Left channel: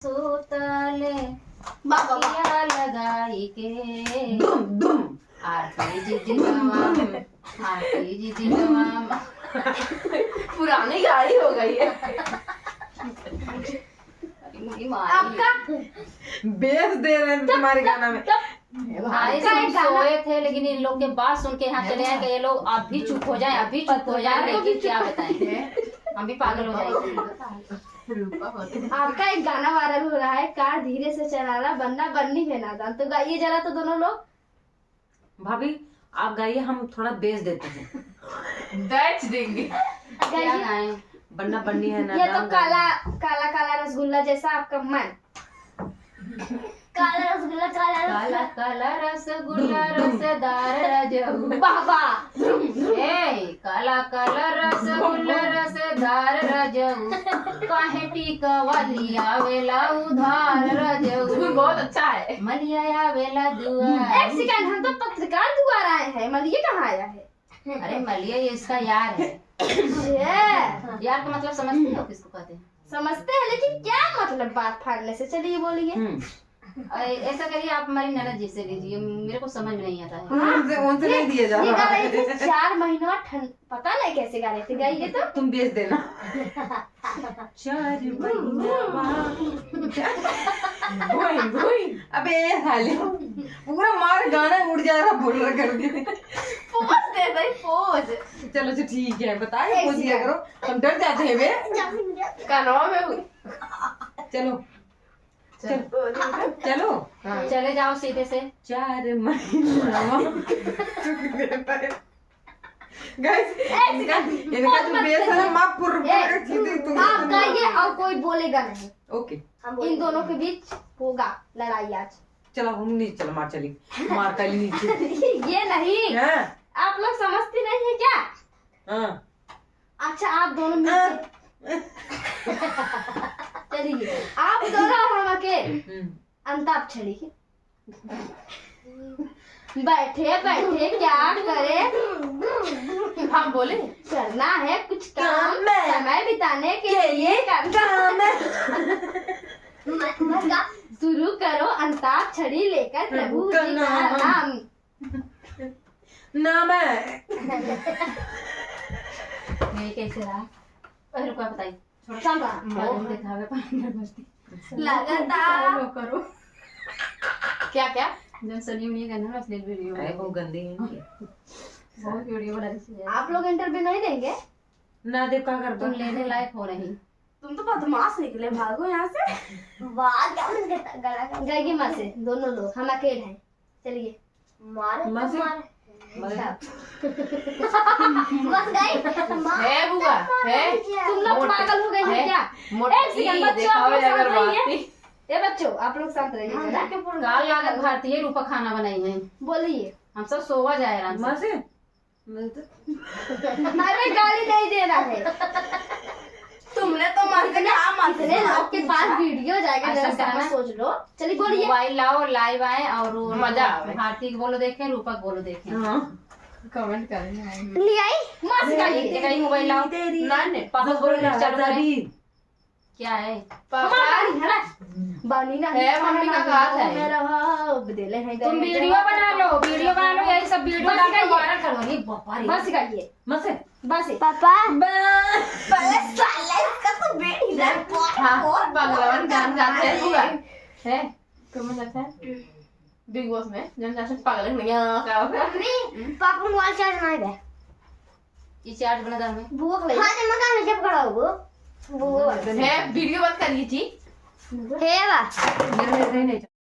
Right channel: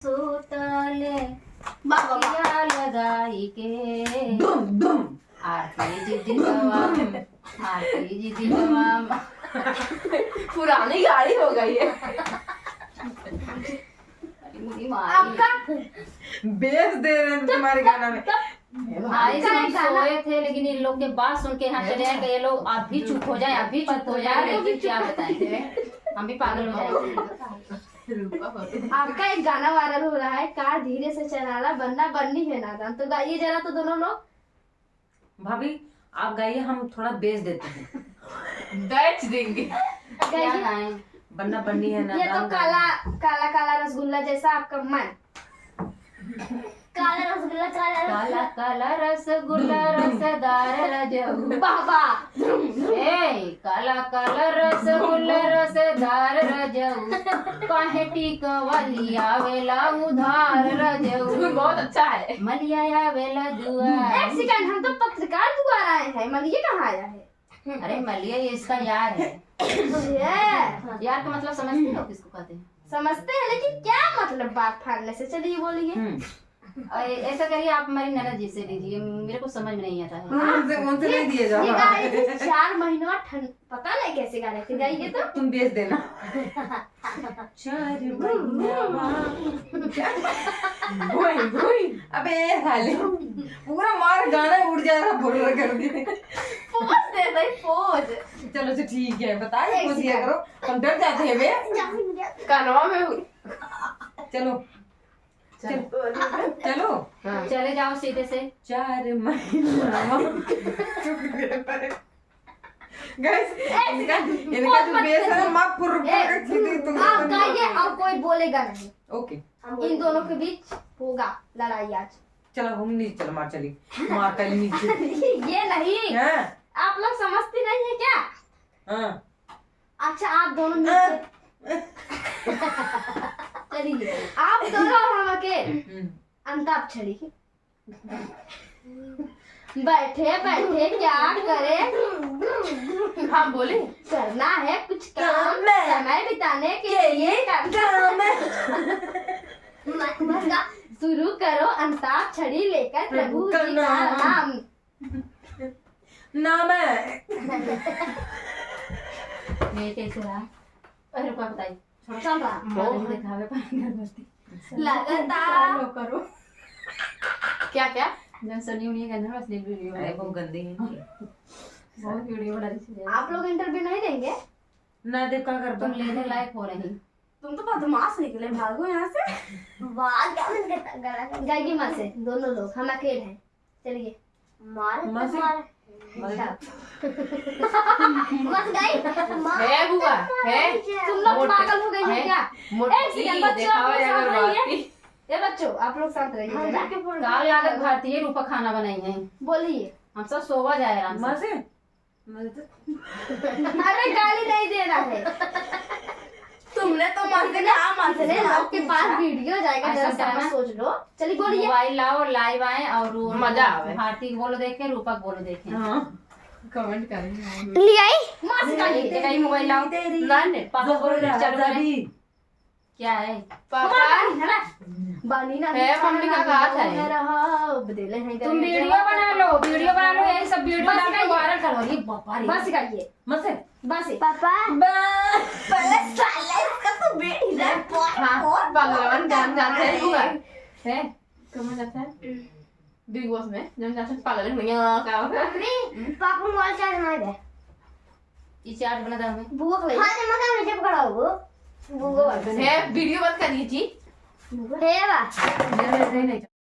सोतले बाबा या लगाई के दुम दुम आरती जी दिलवा आरती जी दिलवा। पुरानी गाड़ी हो गई है। आपका बेस दे रहे हैं तुम्हारे गाना में। भाई सब सोए थे लेकिन इन लोग के बात सुन के यहाँ चले आए कि ये लोग आप भी चुप हो जाए, आप भी चुप हो जाए, लेकिन क्या बताएं हम भी पागल हो जाएंगे। आपका एक गाना वायरल हो रहा है, कार धीरे से चलाना बनना बननी है नादान, तो गाइए जरा तो दोनों लोग। भाभी आप गाइए, हम थोड़ा बेस देते हैं। बेच देंगे। क्या गाएं? बनना बननी है ये तो ना। काला काला काला रसगुल्ला जैसा आपका मन। काला रसगुल्ला काला काला रसगुल्ला रसदार रजऊ। बाबा ए काला काला रसगुल्ला रसदार रजऊ काहे टीका वाली आवेला उधार रजऊ। बहुत अच्छा है। मलिया आवेला दुआ। एक सेकंड, हम तो पत्रकार द्वारा आए हैं, मतलब ये कहाँ आया है? अरे मलिया ये इसका यार है। ये यार का मतलब समझते हो किसको कहते हैं? समझते हैं, लेकिन क्या मतलब बात फाड़ने से? चलिए बोलिए। ऐसा करिए आप हमारी ननद जी से लीजिए, मेरे को समझ में नहीं आता है। उनसे नहीं दिए जा ये गा रहा रहे थे है। 4 महीनों ठंड, पता नहीं कैसे गा रहे थे, गाइए तो। तुम बेच देना। 4 महीना अबे हाले पूरा मार गाना उड़ जा रहा बोल रहा करके। पोज दे भाई, पोज। चलो अच्छा ठीक है, बताए कुछ दिया करो, हम डर जाते हैं बे। कानवा में हुई। चलो चलो चले जाओ सीधे से। 4 महीना गाइस, इनका जो बेस है ना माफ कर तुम। आप गाइए और कोई बोलेगा नहीं। ओके इन दोनों के बीच होगा लड़ाई आज। चलो हम नीचे, चलो मार चली, मार का नीचे। ये नहीं, हाँ आप लोग समझती नहीं है क्या? हाँ अच्छा आप दोनों मिलके चलिए, आप दोनों और हम अकेले अंताक्षरी बैठे बैठे क्या करे, हाँ बोले। करना है कुछ काम, काम है। समय बिताने के लिए करना। शुरू करो अंताक्षरी लेकर प्रभु का जी का नाम। नाम है। ये कैसे रहा? पहले रुपया बताइए। चल रहा दिखावे पानी लगातार करो। क्या क्या? जब सनी उन्हीं का ना असली वीडियो अरे वो गंदी है इनकी। बहुत वीडियो बना रही है। आप लोग इंटरव्यू नहीं देंगे? ना देव क्या कर तुम लेने लायक हो रही। तुम तो बदमाश निकले, भागो यहाँ से। गाइए माँ से दोनों लोग, हम अकेले हैं। चलिए माँ से बस गई। है बुआ है। तुम लोग पागल हो गई हो क्या? एक सेकंड बच्चों, आप लोग शांत रहिए। ये बच्चों आप लोग शांत रहिए जरा। काल लागत भारतीय रूपा खाना बनाई है। बोलिए। हम सब सोवा जाए आराम माँ से। से हमें गाली नहीं देना है। तुमने तो मानते इतने लोग के पास वीडियो जाएगा, ऐसा जरा सा करना। सोच लो। चलिए बोलिए। मोबाइल लाओ, लाइव आए और मजा आवे। भारती को बोलो देखें, रूपा को बोलो देखें। हाँ कमेंट करेंगे। ले आई माँ से गाली। कहीं मोबाइल लाओ। पापा बोलो चालू करें। क्या है? पापा बानी ना है, मम्मी का हाथ है। बदले हैं तुम वीडियो बना लो, वीडियो बना लो, यही सब वीडियो डाल के वायरल करो। ये बापा रे। बस सिखाइए माँ से बस। पापा पहले साले इसका तो बेटी है। और पगलवन गान गाते हैं बुआ। है तुम्हें लगता है बिग बॉस में जन जैसे पागल है क्या होगा? पापा मोबाइल चार्ज नहीं दे। ये चार्ज बना दो हमें। बुआ को ले। हां जब मैं जब खड़ा हो बुआ है वीडियो बंद करिए जी। है बा। नहीं